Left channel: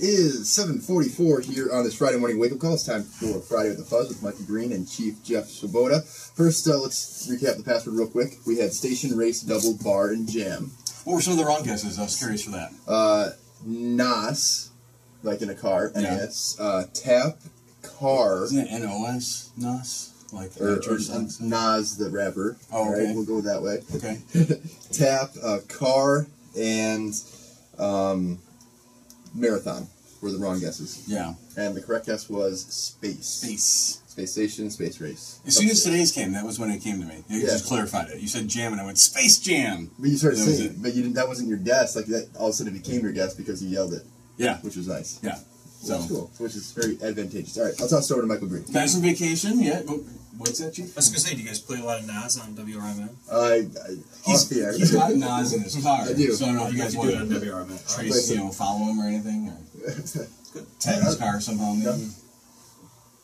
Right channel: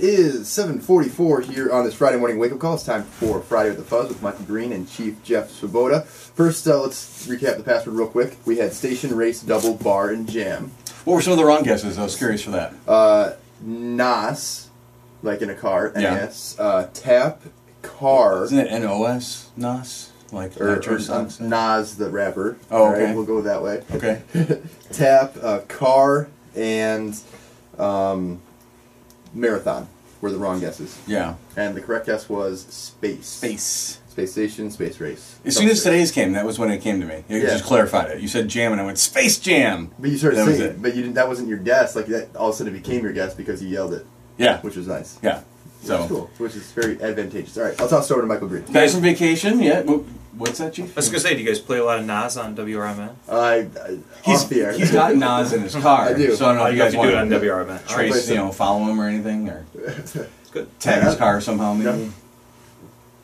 Is 7:44 here on this Friday morning wake-up call. It's time for Friday with the Fuzz with Michael Greene and Chief Jeff Swoboda. First, let's recap the password real quick. We had station, race, double, bar, and jam. What were some of the wrong guesses? I was curious for that. NAS, like in a car, Yeah. NAS. Tap, car. Isn't it NOS? NOS? Like Or nitrous Nas, the rapper. Oh, okay. Right, we'll go that way. Okay. Tap, car, and marathon were the wrong guesses. Yeah. And the correct guess was space. Space. Space station, space race. As soon as today's came, that was when it came to me. You just clarified it. You said jam, and I went, Space Jam! But you started That was saying it. but you didn't. That wasn't your guess. Like that, all of a sudden it became your guess because you yelled it. Yeah. Which was nice. Yeah. So which is cool. Which is very advantageous. All right, I'll toss it over to Michael Greene. Guys on vacation? Yeah. What's that, Chief? I was going to say, do you guys play a lot of Nas on WRMN? Off the air. He's got Nas in his car. I do. So I don't know if you guys do want it on to WRMN. trace, follow him or anything, or Good. tag his car somehow, maybe. Yeah.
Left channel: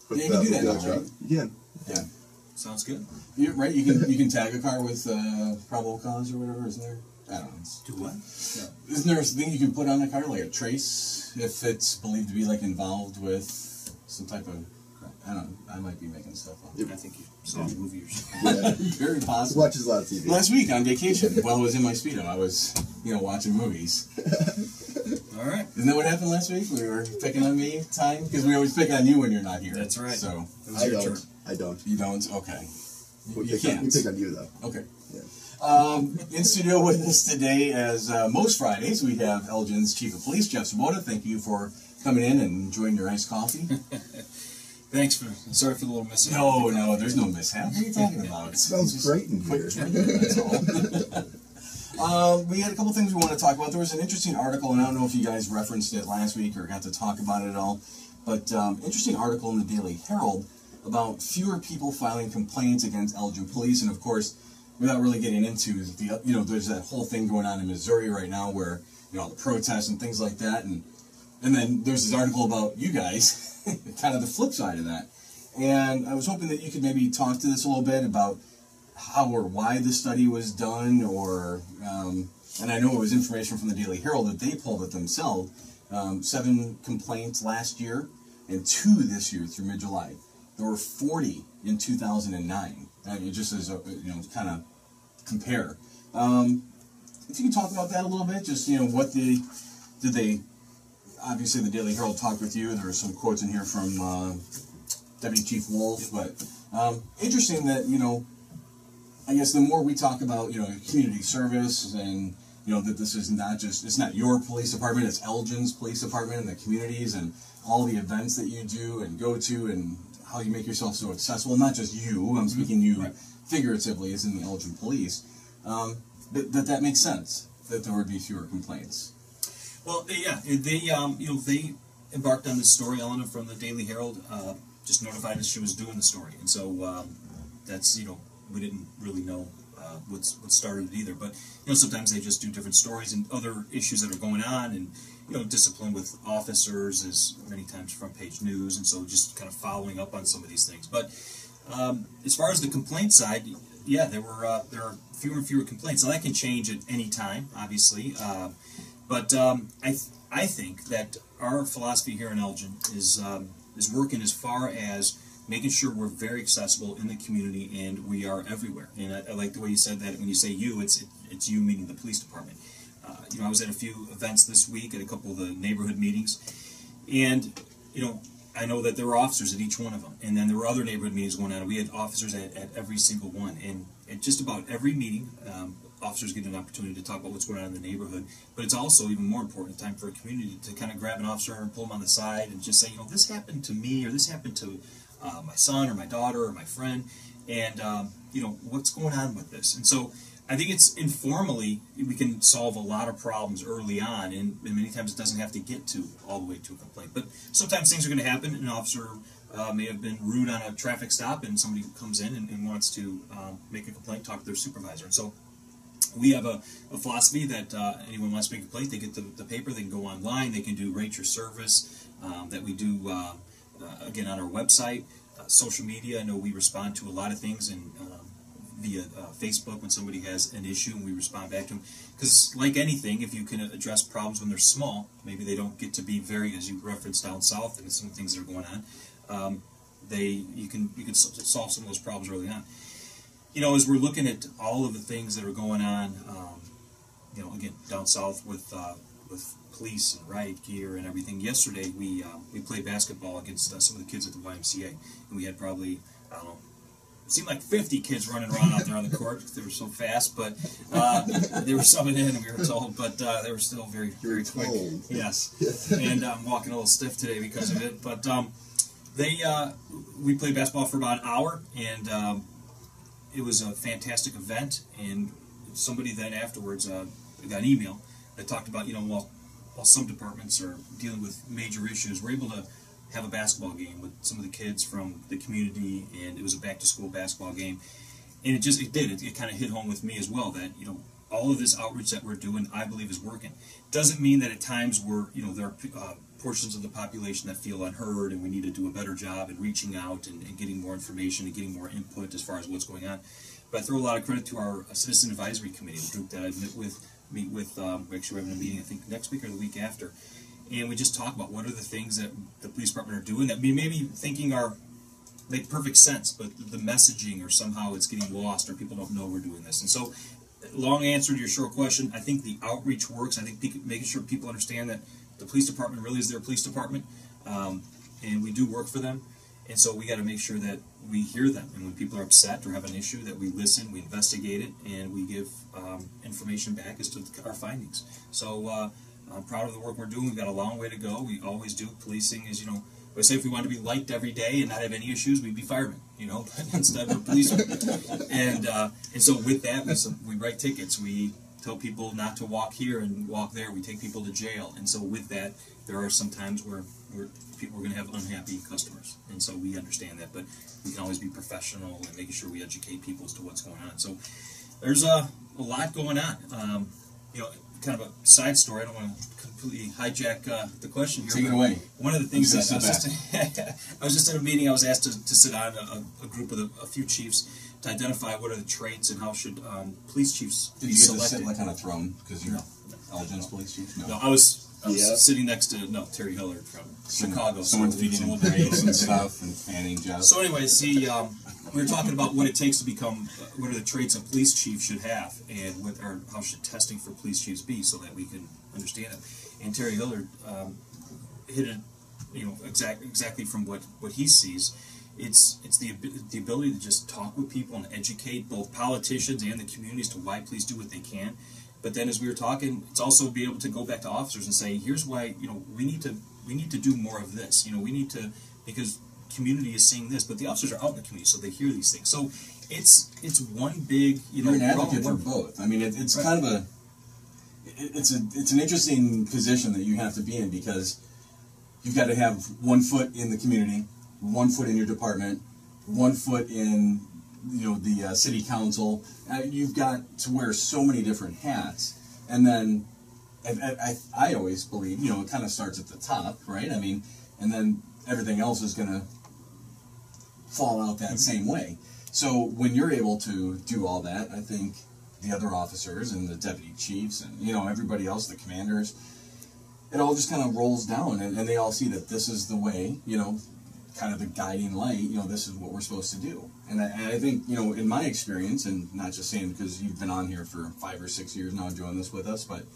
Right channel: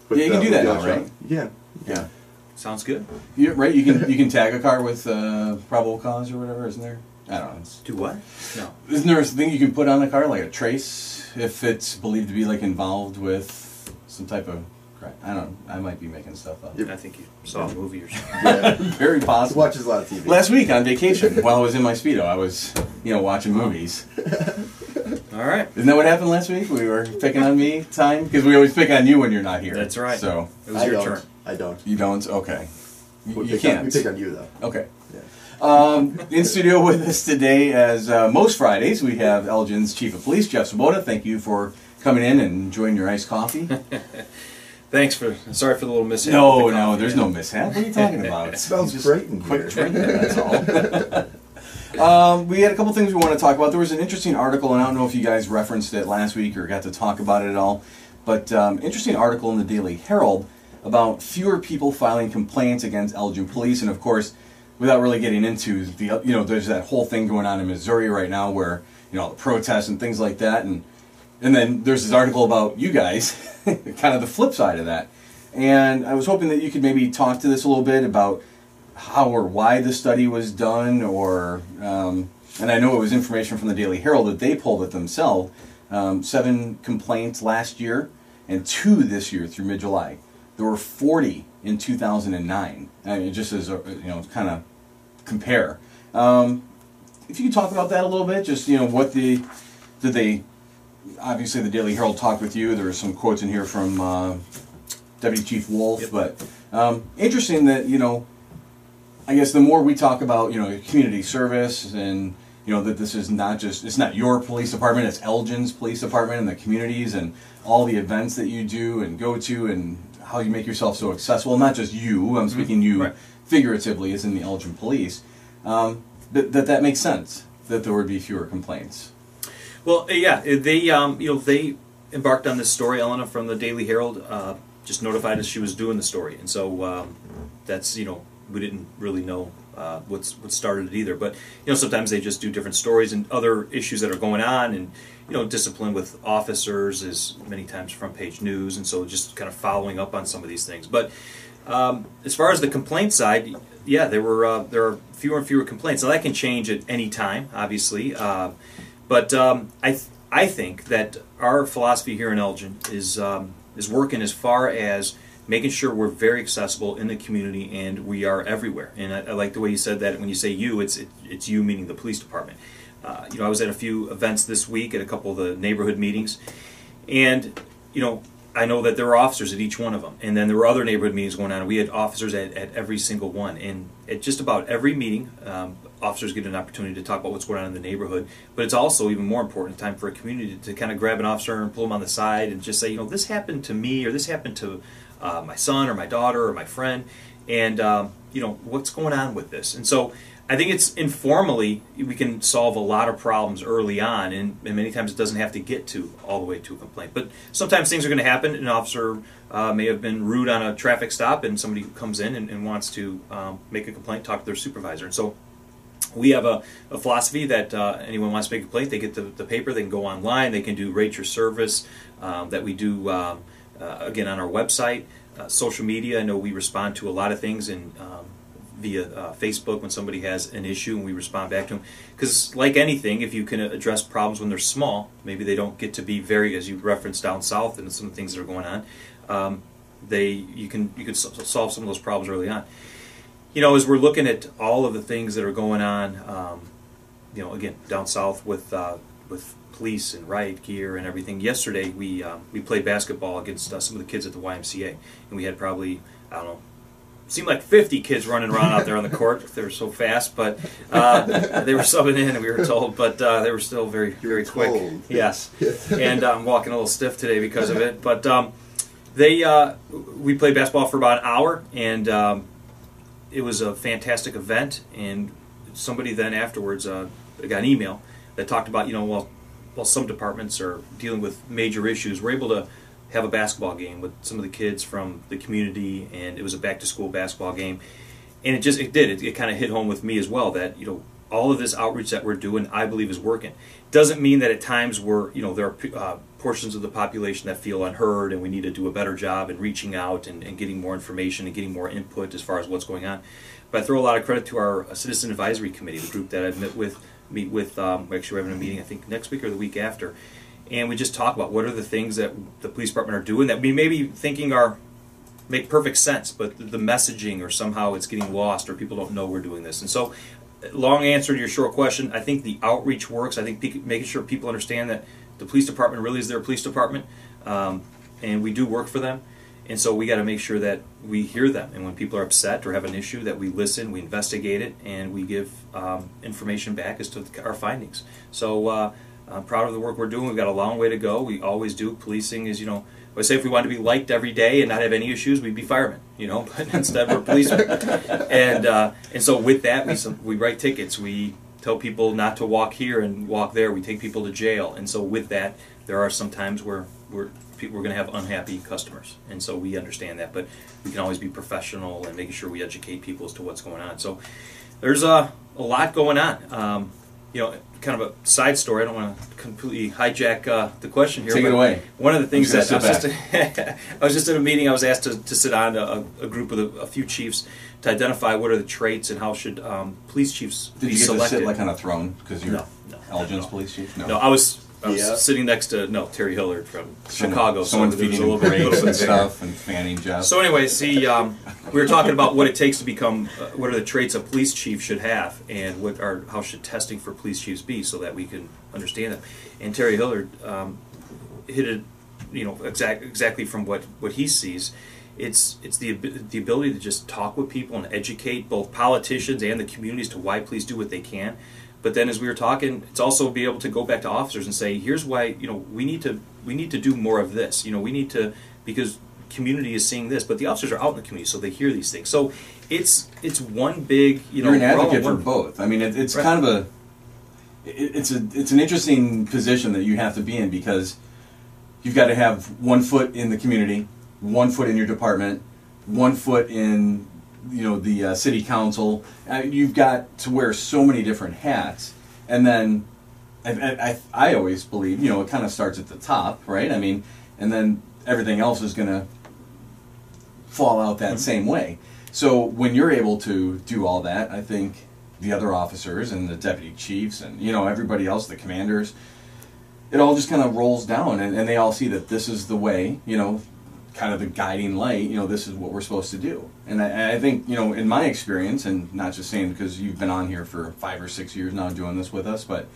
But, Yeah, you can do with that the now, electronic- right? You can. Yeah. Sounds good. Right? You can tag a car with probable cause or whatever, isn't there? I don't know. Do what? No. Isn't there a thing you can put on the car, like a trace, if it's believed to be like involved with some type of crime? I don't know. I might be making stuff up. Yep. I think you saw a movie or something. Yeah. Very He possible. watches a lot of TV. Last week on vacation, while I was in my Speedo, I was, watching movies. All right. Isn't that what happened last week? We were picking on me time? Because we always pick on you when you're not here. That's right. So, It was your turn. I don't. you don't? Okay. We You pick on, can't. we pick on you though. Okay. Yeah. In studio with us today, as most Fridays, we have Elgin's Chief of Police, Jeff Swoboda. Thank you for coming in and enjoying your iced coffee. Thanks for. Sorry for the little mishap. No, with the coffee. there's no mishap. What are you talking about? It smells Just great in quit here. drinking, that's all. We had a couple things we want to talk about. There was an interesting article, and I don't know if you guys referenced it last week or got to talk about it at all, but interesting article in the Daily Herald about fewer people filing complaints against Elgin police, and of course, without really getting into the, there's that whole thing going on in Missouri right now where, the protests and things like that, and then there's this article about you guys, kind of the flip side of that. And I was hoping that you could maybe talk to this a little bit about how or why the study was done, or, and I know it was information from the Daily Herald that they pulled it themselves, 7 complaints last year and 2 this year through mid-July. There were 40 in 2009. I mean, just as kind of compare. If you could talk about that a little bit, just did they? Obviously, the Daily Herald talked with you. There were some quotes in here from Deputy Chief Wolf, but interesting that I guess the more we talk about community service and that this is it's not your police department, it's Elgin's police department and the communities and all the events that you do and go to and how you make yourself so accessible. Not just you, I'm speaking you figuratively as in the Elgin police. That makes sense that there would be fewer complaints. Well, yeah, they embarked on this story. Elena from the Daily Herald just notified us she was doing the story, and so that's we didn't really know what started it either. But sometimes they just do different stories and other issues that are going on, and discipline with officers is many times front page news, and so just kind of following up on some of these things. But as far as the complaint side, yeah, there are fewer and fewer complaints. Now that can change at any time, obviously. But I think that our philosophy here in Elgin is working as far as making sure we're very accessible in the community and we are everywhere. And I like the way you said that. When you say you, it's you meaning the police department. I was at a few events this week at a couple of the neighborhood meetings, and I know that there were officers at each one of them, and then there were other neighborhood meetings going on, and we had officers at every single one. And at just about every meeting, officers get an opportunity to talk about what's going on in the neighborhood, but it's also even more important time for a community to kind of grab an officer and pull them on the side and just say, this happened to me, or this happened to my son or my daughter or my friend, and what's going on with this. And so I think it's informally we can solve a lot of problems early on, and many times it doesn't have to get to all the way to a complaint. But sometimes things are going to happen. An officer may have been rude on a traffic stop, and somebody comes in and wants to make a complaint, talk to their supervisor. And so we have a philosophy that anyone wants to make a complaint, they get the paper, they can go online, they can do rate your service that we do, again, on our website, social media. I know we respond to a lot of things, and via Facebook when somebody has an issue, and we respond back to them. Because like anything, if you can address problems when they're small, maybe they don't get to be very, as you referenced down south and some things that are going on, you could solve some of those problems early on. You know, as we're looking at all of the things that are going on, you know, again, down south with police and riot gear and everything. Yesterday we played basketball against some of the kids at the YMCA, and we had probably, I don't know, seemed like 50 kids running around out there on the court. They were so fast, but they were subbing in, we were told, but they were still very, very quick. Yes, and I'm walking a little stiff today because of it. But we played basketball for about an hour, and it was a fantastic event. And somebody then afterwards got an email that talked about, you know, while some departments are dealing with major issues, we're able to have a basketball game with some of the kids from the community, and it was a back-to-school basketball game. And it kind of hit home with me as well that, you know, all of this outreach that we're doing, I believe, is working. Doesn't mean that at times there are portions of the population that feel unheard, and we need to do a better job in reaching out and getting more information and getting more input as far as what's going on. But I throw a lot of credit to our Citizen Advisory Committee, the group that I've meet with. Actually, we're having a meeting, I think, next week or the week after. And we just talk about what are the things that the police department are doing that we may be thinking make perfect sense, but the messaging or somehow it's getting lost or people don't know we're doing this. And so, long answer to your short question, I think the outreach works. I think making sure people understand that the police department really is their police department, and we do work for them. And so we got to make sure that we hear them. And when people are upset or have an issue, that we listen, we investigate it, and we give information back as to our findings. So I'm proud of the work we're doing. We've got a long way to go. We always do. Policing is, you know, I say if we wanted to be liked every day and not have any issues, we'd be firemen, you know. But instead we're policemen. And so with that, we write tickets. We tell people not to walk here and walk there. We take people to jail. And so with that, there are some times where we're going to have unhappy customers, and so we understand that, but we can always be professional and making sure we educate people as to what's going on. So there's a lot going on. You know, kind of a side story. I don't want to completely hijack the question here. Take it away. One of the things that I was just in a meeting. I was asked to sit on a group of a few chiefs to identify what are the traits and how should police chiefs be selected. Did you get to sit like on a throne because you're Elgin's police chief? No, I was sitting next to Terry Hillard from Chicago. Someone feeding him grapes and stuff and fanning Jeff. So anyway, we were talking about what it takes to become, what are the traits a police chief should have, and how should testing for police chiefs be, so that we can understand them. And Terry Hillard hit it, you know, exactly from what he sees. It's the ability to just talk with people and educate both politicians and the communities to why police do what they can. But then, as we were talking, it's also be able to go back to officers and say, here's why, you know, we need to do more of this. You know, we need to, because community is seeing this, but the officers are out in the community, so they hear these things. So it's one big, you know, you're an advocate for both. I mean, it's right. Kind of it's an interesting position that you have to be in, because you've got to have 1 foot in the community, 1 foot in your department, 1 foot in, you know, the city council. You've got to wear so many different hats, and then I always believe, you know, it kind of starts at the top, right? I mean, and then everything else is going to fall out that same way. So when you're able to do all that, I think the other officers and the deputy chiefs and, you know, everybody else, the commanders, it all just kind of rolls down, and they all see that this is the way, you know, kind of the guiding light, you know, this is what we're supposed to do. And I think, you know, in my experience, and not just saying because you've been on here for 5 or 6 years now doing this with us, but,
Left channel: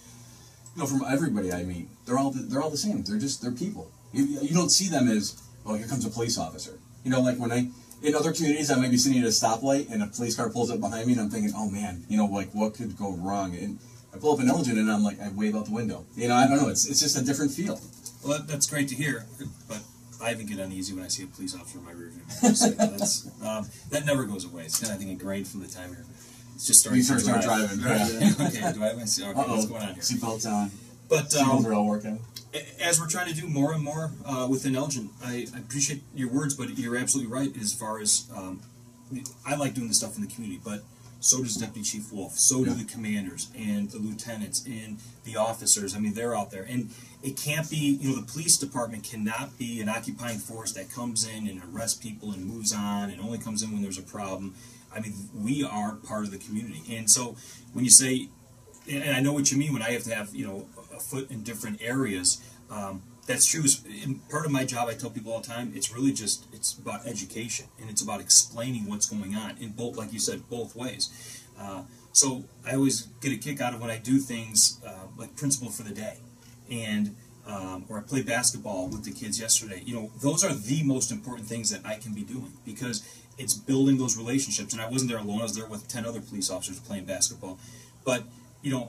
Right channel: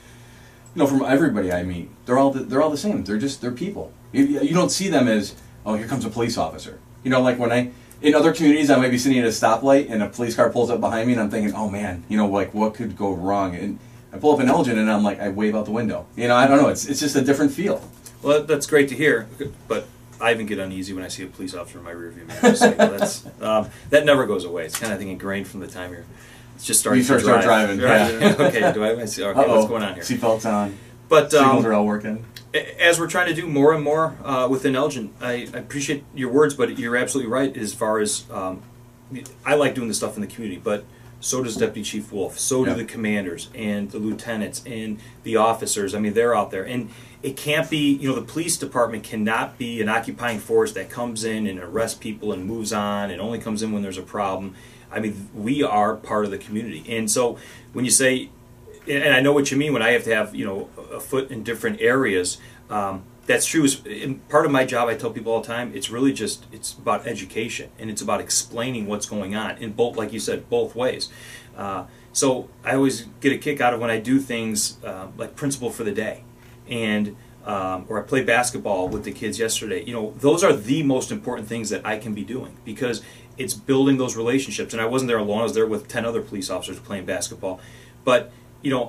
you know, from everybody I meet, they're all the same. They're people. You don't see them as, oh, here comes a police officer. You know, like in other communities, I might be sitting at a stoplight and a police car pulls up behind me, and I'm thinking, oh man, you know, like what could go wrong? And I pull up in Elgin and I'm like, I wave out the window. You know, I don't know. It's just a different feel. Well, that's great to hear, but I even get uneasy when I see a police officer in my rearview mirror. So that never goes away. It's kind of, I think, ingrained from the time it's just starting to drive. Start driving. Right? Yeah. Okay, what's going on here? Seatbelts on. But signals are all working. As we're trying to do more and more within Elgin, I appreciate your words, but you're absolutely right as far as I like doing this stuff in the community, but so does Deputy Chief Wolf, so do the commanders and the lieutenants and the officers. I mean, they're out there. And it can't be, the police department cannot be an occupying force that comes in and arrests people and moves on and only comes in when there's a problem. I mean, we are part of the community. And so when you say, and I know what you mean when I have to have, a foot in different areas, that's true. In part of my job, I tell people all the time, it's really just, it's about education, and it's about explaining what's going on in both, like you said, both ways. So I always get a kick out of when I do things like Principal for the Day, and or I play basketball with the kids yesterday. Those are the most important things that I can be doing, because it's building those relationships. And I wasn't there alone. I was there with 10 other police officers playing basketball. But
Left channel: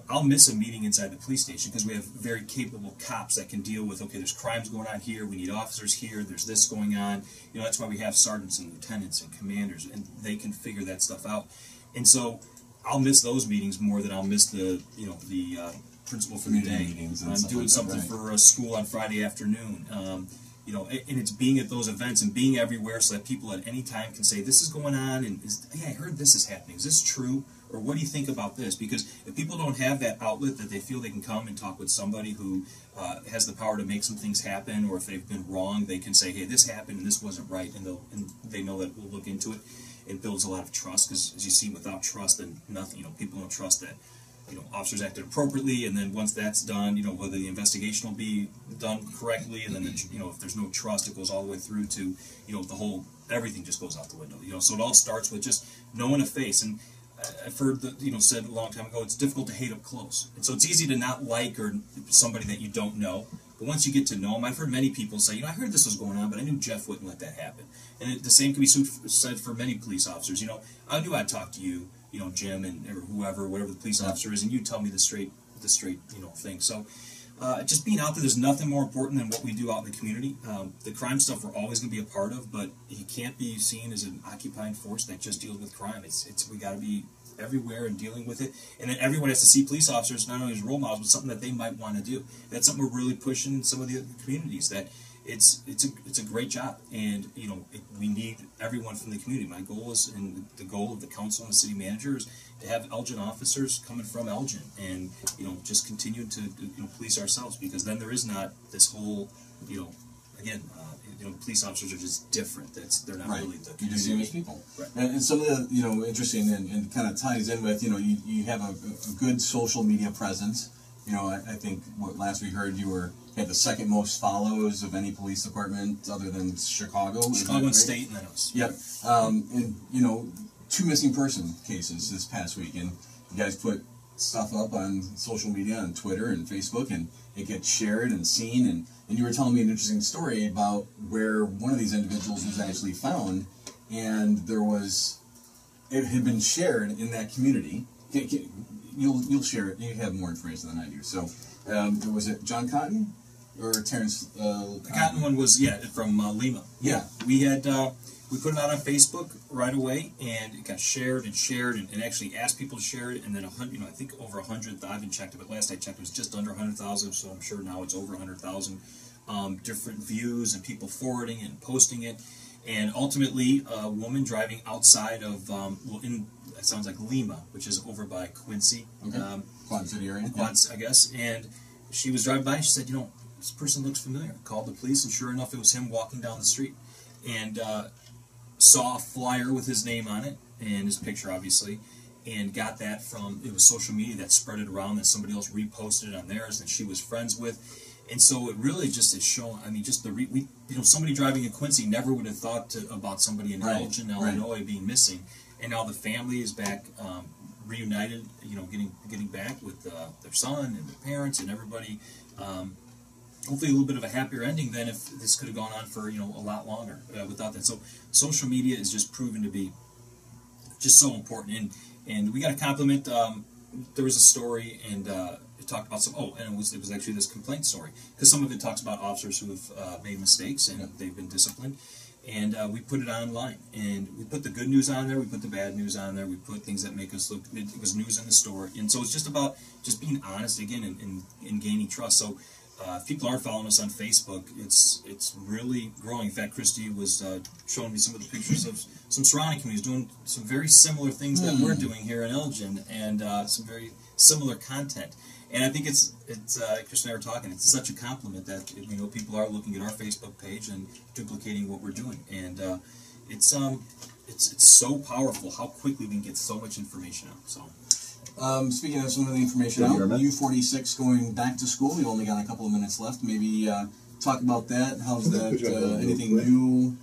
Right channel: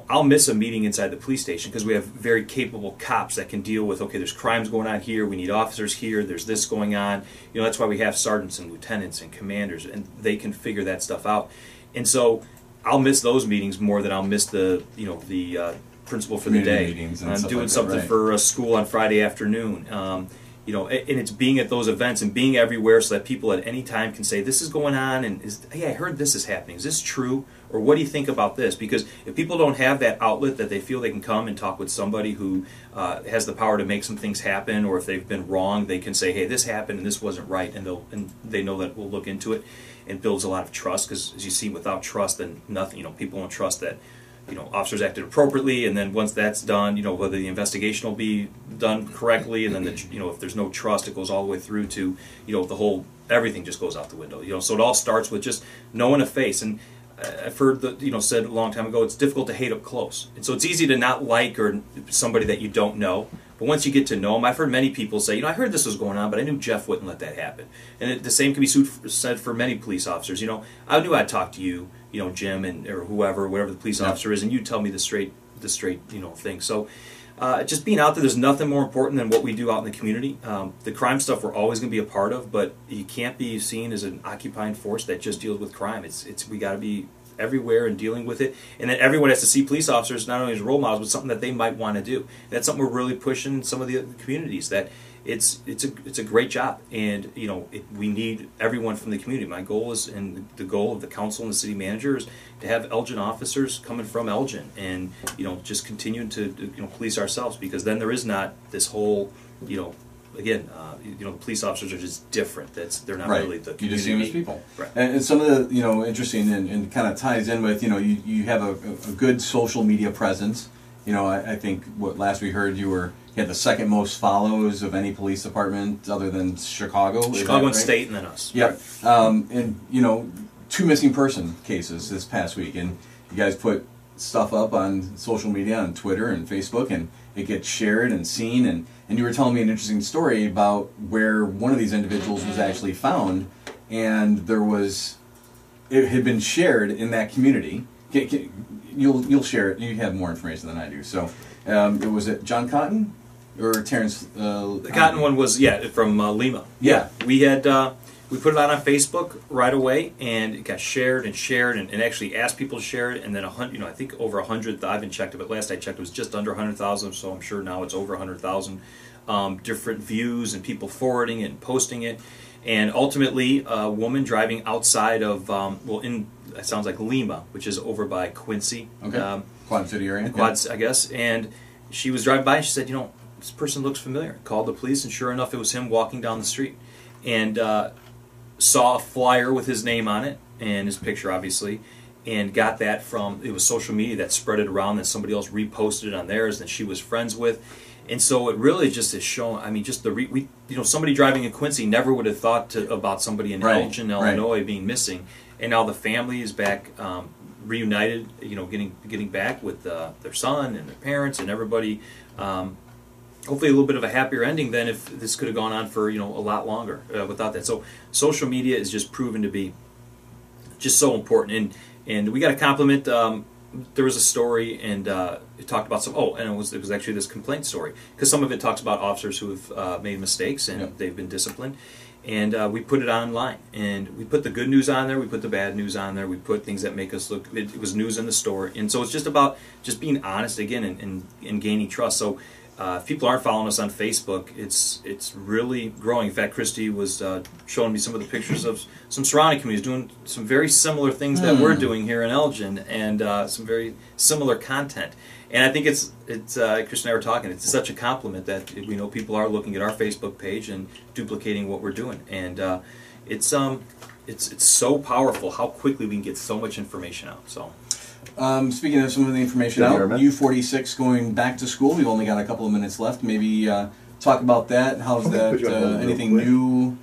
I'll miss a meeting inside the police station because we have very capable cops that can deal with, okay, there's crimes going on here, we need officers here, there's this going on. That's why we have sergeants and lieutenants and commanders, and they can figure that stuff out. And so I'll miss those meetings more than I'll miss the Principal for the Day. I'm doing something for a school on Friday afternoon. And it's being at those events and being everywhere so that people at any time can say, this is going on, and hey, I heard this is happening. Is this true? Or what do you think about this? Because if people don't have that outlet that they feel they can come and talk with somebody who has the power to make some things happen, or if they've been wrong, they can say, hey, this happened and this wasn't right, and they know that we'll look into it. It builds a lot of trust, because as you see, without trust, then nothing. People won't trust that officers acted appropriately, and then once that's done, whether the investigation will be done correctly, and then if there's no trust, it goes all the way through to the whole, everything just goes out the window. So it all starts with just knowing a face. And I've heard said a long time ago, it's difficult to hate up close, and so it's easy to not like or somebody that you don't know. But once you get to know them, I've heard many people say, I heard this was going on, but I knew Jeff wouldn't let that happen. And the same can be said for many police officers. I knew I'd talk to you, Jim, or whoever, whatever the police officer is, and you tell me the straight thing. So just being out there, there's nothing more important than what we do out in the community. The crime stuff we're always going to be a part of, but you can't be seen as an occupying force that just deals with crime. We got to be everywhere and dealing with it, and then everyone has to see police officers not only as role models, but something that they might want to do. And that's something we're really pushing in some of the communities, that it's a great job, and we need everyone from the community. My goal is, and the goal of the council and the city manager, is to have Elgin officers coming from Elgin, and just continuing to police ourselves, because then there is not this whole the police officers are just different. They're not really the community. You just see them as people. Right. And some of the interesting and kind of ties in with you have a good social media presence. I think last we heard you had the second most follows of any police department other than Chicago. Chicago and State, and then us. Yep. And 2 missing person cases this past week, and you guys put stuff up on social media, on Twitter and Facebook, and it gets shared and seen. And you were telling me an interesting story about where one of these individuals was actually found, and it had been shared in that community. You'll share it. You have more information than I do. So, was it John Cotton or Terrence? The Cotton one was from Lima. Yeah, we had we put it out on Facebook right away, and it got shared and actually asked people to share it, and then I think over 100. I haven't checked it, but last I checked, it was just under 100,000. So I'm sure now it's over 100,000 different views and people forwarding it and posting it. And ultimately, a woman driving outside of it sounds like Lima, which is over by Quincy, Quad City area, I guess. And she was driving by, and she said, this person looks familiar. Called the police, and sure enough, it was him walking down the street, and saw a flyer with his name on it and his picture, obviously, and got that from, it was social media that spread it around, that somebody else reposted it on theirs that she was friends with. And so it really just is shown, just somebody driving in Quincy never would have thought about somebody in Elgin, Illinois being missing, and now the family is back, reunited, getting back with their son and their parents and everybody. Hopefully a little bit of a happier ending than if this could have gone on for a lot longer without that. So social media is just proven to be just so important, and we got to compliment. There was a story, and it talked about and it was actually this complaint story, because some of it talks about officers who have made mistakes and they've been disciplined, and we put it online, and we put the good news on there, we put the bad news on there, we put things that make us look. It was news in the story, and so it's just about just being honest again and gaining trust. So if people aren't following us on Facebook, it's really growing. In fact, Christy was showing me some of the pictures of some surrounding communities doing some very similar things that we're doing here in Elgin, and some very similar content. And I think it's Christy and I were talking, it's such a compliment that we know people are looking at our Facebook page and duplicating what we're doing. And it's so powerful how quickly we can get so much information out. So, speaking of some of the information out, WRMN? U46 going back to school. We've only got a couple of minutes left. Maybe talk about that. How's that? Put you on hold real Anything quick. new?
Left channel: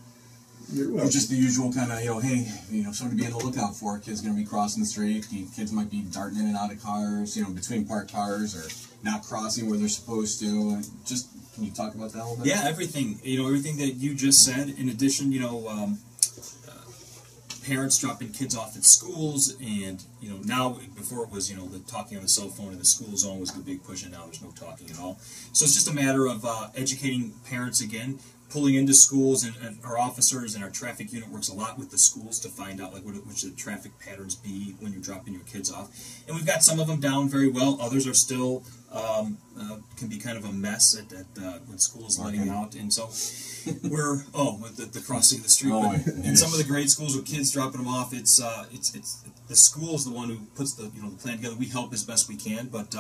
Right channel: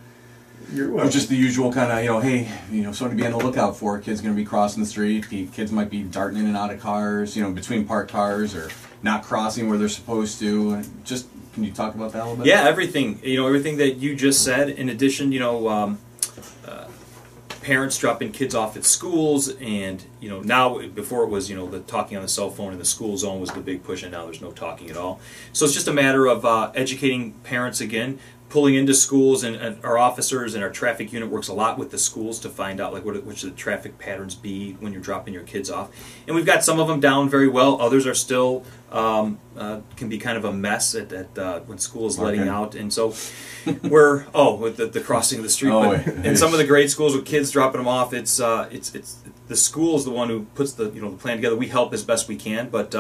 You're Or welcome. just the usual kind of, hey, something to be on the lookout for. Kids going to be crossing the street. Kids might be darting in and out of cars, between parked cars, or not crossing where they're supposed to. Just, can you talk about that a little bit? yeah, everything. Everything that you just said. In addition, parents dropping kids off at schools, and now, before it was the talking on the cell phone in the school zone was the big push, and now there's no talking at all. So it's just a matter of educating parents again, pulling into schools, and our officers and our traffic unit works a lot with the schools to find out which the traffic patterns be when you're dropping your kids off. And we've got some of them down very well. Others are still can be kind of a mess at when school is letting out. And so we're with the crossing of the street. But in some of the grade schools with kids dropping them off, it's the school is the one who puts the plan together. We help as best we can, but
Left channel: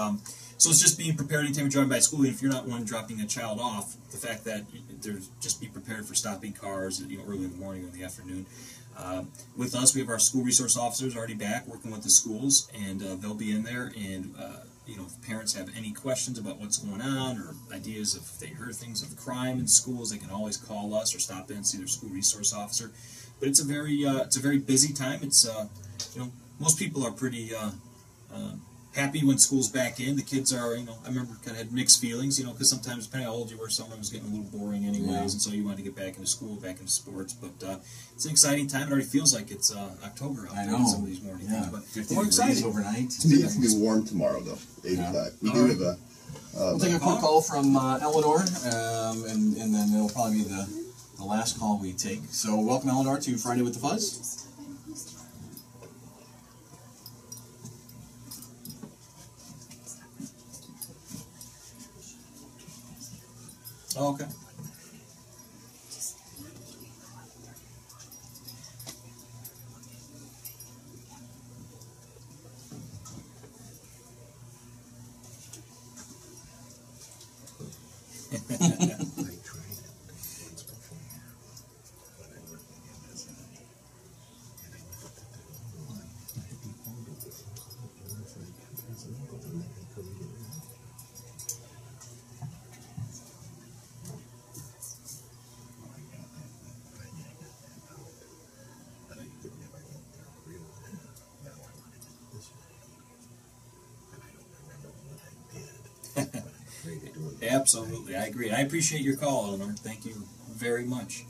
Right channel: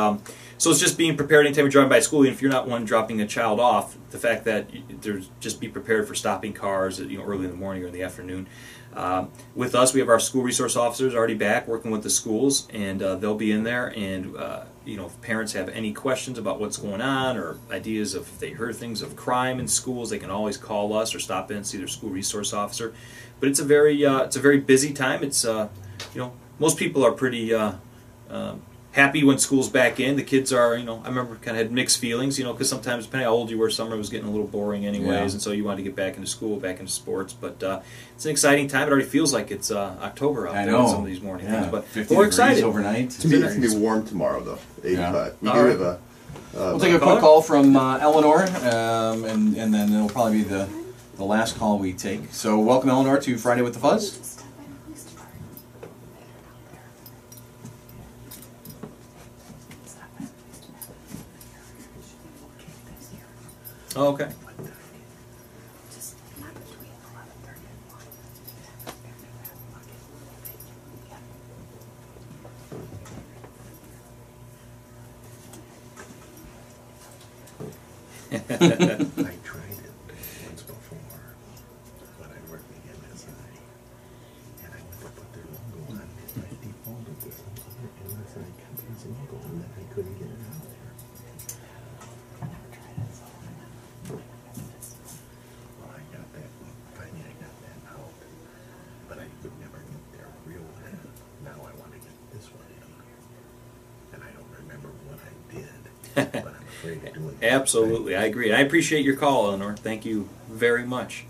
so it's just being prepared anytime you're driving by school. Even if you're not one dropping a child off, the fact that there's just be prepared for stopping cars early in the morning or in the afternoon. With us, we have our school resource officers already back working with the schools, and they'll be in there. And if parents have any questions about what's going on or ideas if they heard things of crime in schools, they can always call us or stop in and see their school resource officer. But it's a very busy time. It's most people are pretty happy when school's back in. The kids are, I remember kind of had mixed feelings, because sometimes depending on how old you were, summer was getting a little boring anyways, and so you wanted to get back into school, back into sports. But it's an exciting time. It already feels like it's October out there on some of these morning things. But we're excited. Overnight. It's going to be warm tomorrow, though, 85. We do have a... We'll take a quick call from Eleanor, and then it'll probably be the last call we take. So welcome, Eleanor, to Friday with the Fuzz. Oh, okay. I tried it once before when I worked in MSI, and I went to put their logo on it. I defaulted to some other MSI company's logo, and then I couldn't get it out there. Well, I got that. Finally, I got that out, but I could never get their real. Now I want to get this one in, and I don't remember what I did, but I'm afraid of doing it. Absolutely, I agree. And I appreciate your call, Eleanor. Thank you very much.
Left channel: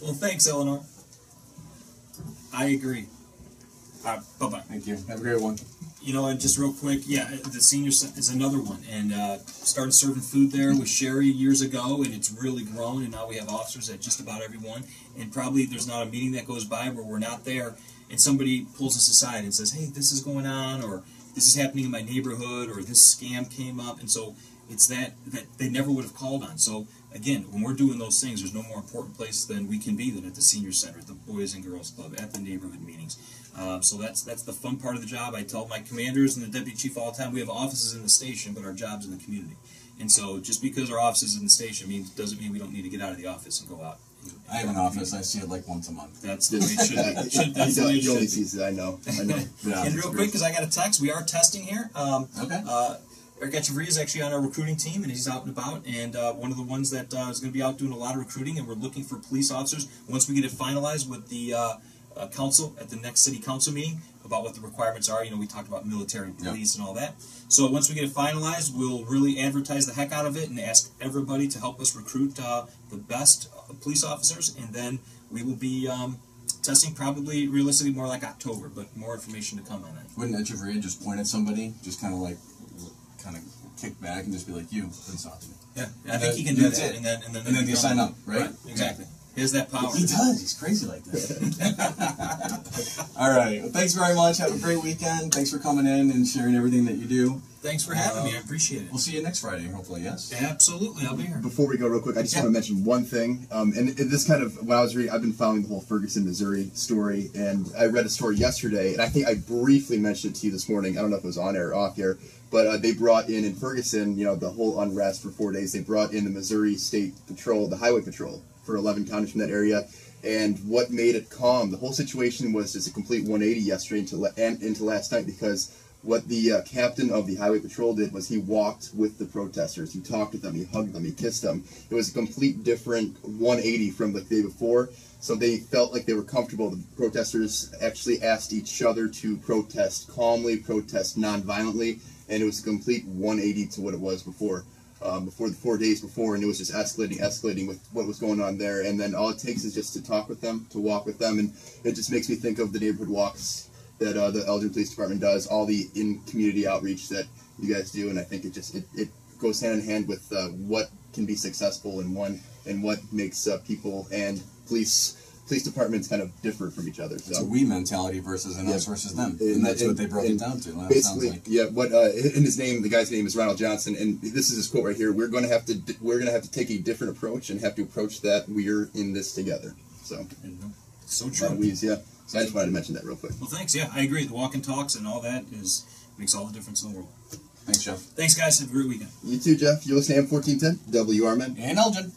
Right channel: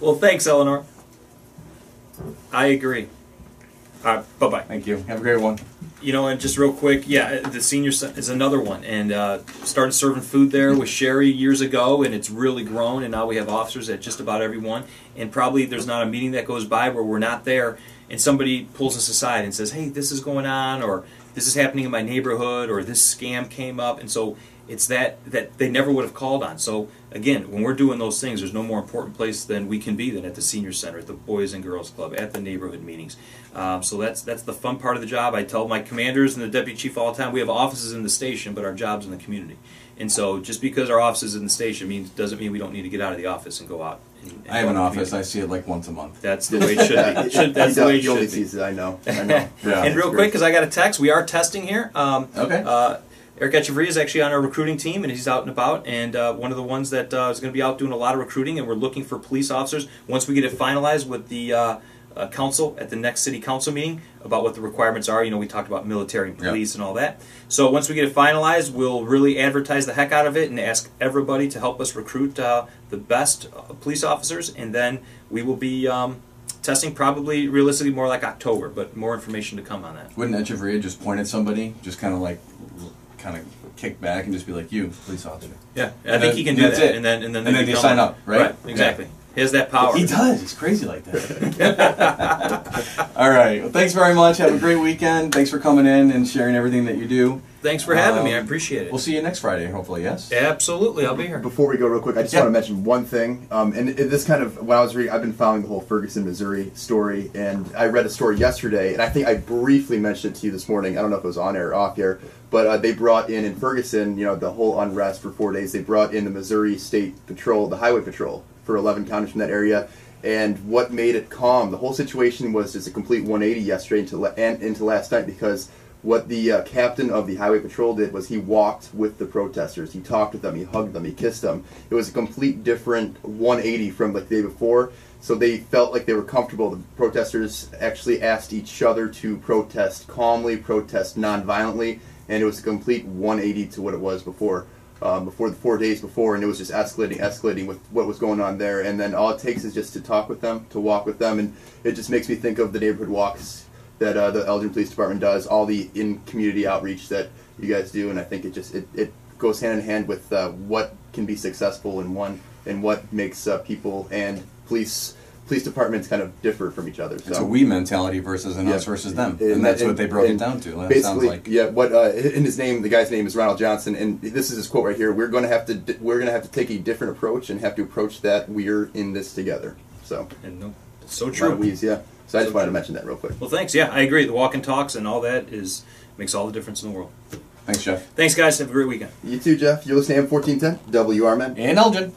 Well, thanks, Eleanor. I agree. Bye-bye. Thank you. Have a great one. And just real quick, the senior is another one, and started serving food there with Sherry years ago, and it's really grown, and now we have officers at just about every one, and probably there's not a meeting that goes by where we're not there, and somebody pulls us aside and says, hey, this is going on, or this is happening in my neighborhood, or this scam came up, and so it's that they never would have called on. So again, when we're doing those things, there's no more important place than we can be than at the senior center, at the Boys and Girls Club, at the neighborhood meetings. So that's the fun part of the job. I tell my commanders and the deputy chief all the time, we have offices in the station, but our job's in the community. And so just because our office is in the station doesn't mean we don't need to get out of the office and go out. And I have an office. I see it like once a month. That's the way it should be. That's the way it He only should be. sees it, I know. Yeah, And real quick, because I got a text, we are testing here. Okay. Eric Echeverria is actually on our recruiting team, and he's out and about, and one of the ones that is going to be out doing a lot of recruiting, and we're looking for police officers. Once we get it finalized with the council at the next city council meeting about what the requirements are, we talked about military and police and all that. So once we get it finalized, we'll really advertise the heck out of it and ask everybody to help us recruit the best police officers, and then we will be testing probably realistically more like October, but more information to come on that. Wouldn't Echeverria just point at somebody, just kind of kick back and just be like, you, police officer? Yeah, I think he can do that's that. it. And then they become sign up, right? Right, exactly. He has that power. He does. He's crazy like that. All right. Well, thanks very much. Have a great weekend. Thanks for coming in and sharing everything that you do. Thanks for having me. I appreciate it. We'll see you next Friday, hopefully, yes? Absolutely. I'll be here. Before we go real quick, I just want to mention one thing. And this kind of, when I was reading, I've been following the whole Ferguson, Missouri story, and I read a story yesterday, and I think I briefly mentioned it to you this morning. I don't know if it was on air or off air, but they brought in Ferguson, the whole unrest for 4 days, they brought in the Missouri State Patrol, the Highway Patrol, for 11 counties from that area. And what made it calm, the whole situation was just a complete 180 yesterday into last night, because what the captain of the Highway Patrol did was he walked with the protesters. He talked with them. He hugged them. He kissed them. It was a complete different 180 from the day before. So they felt like they were comfortable. The protesters actually asked each other to protest calmly, protest non-violently, and it was a complete 180 to what it was before the 4 days before, and it was just escalating with what was going on there. And then all it takes is just to talk with them, to walk with them, and it just makes me think of the neighborhood walks that the Elgin Police Department does, all the in-community outreach that you guys do, and I think it goes hand in hand with what can be successful in one, and what makes people and police departments kind of differ from each other. So it's a we mentality versus an us versus them, and that's what they broke it down to. It basically, sounds like. Yeah. What in his name, the guy's name is Ronald Johnson, and this is his quote right here. We're going to have to take a different approach and have to approach that we're in this together. So. And it's so A lot true. of we's, yeah. So I just wanted to mention that real quick. Well, thanks. Yeah, I agree. The walk and talks and all that makes all the difference in the world. Thanks, Jeff. Thanks, guys. Have a great weekend. You too, Jeff. You're listening to M1410 WRMN. And Elgin.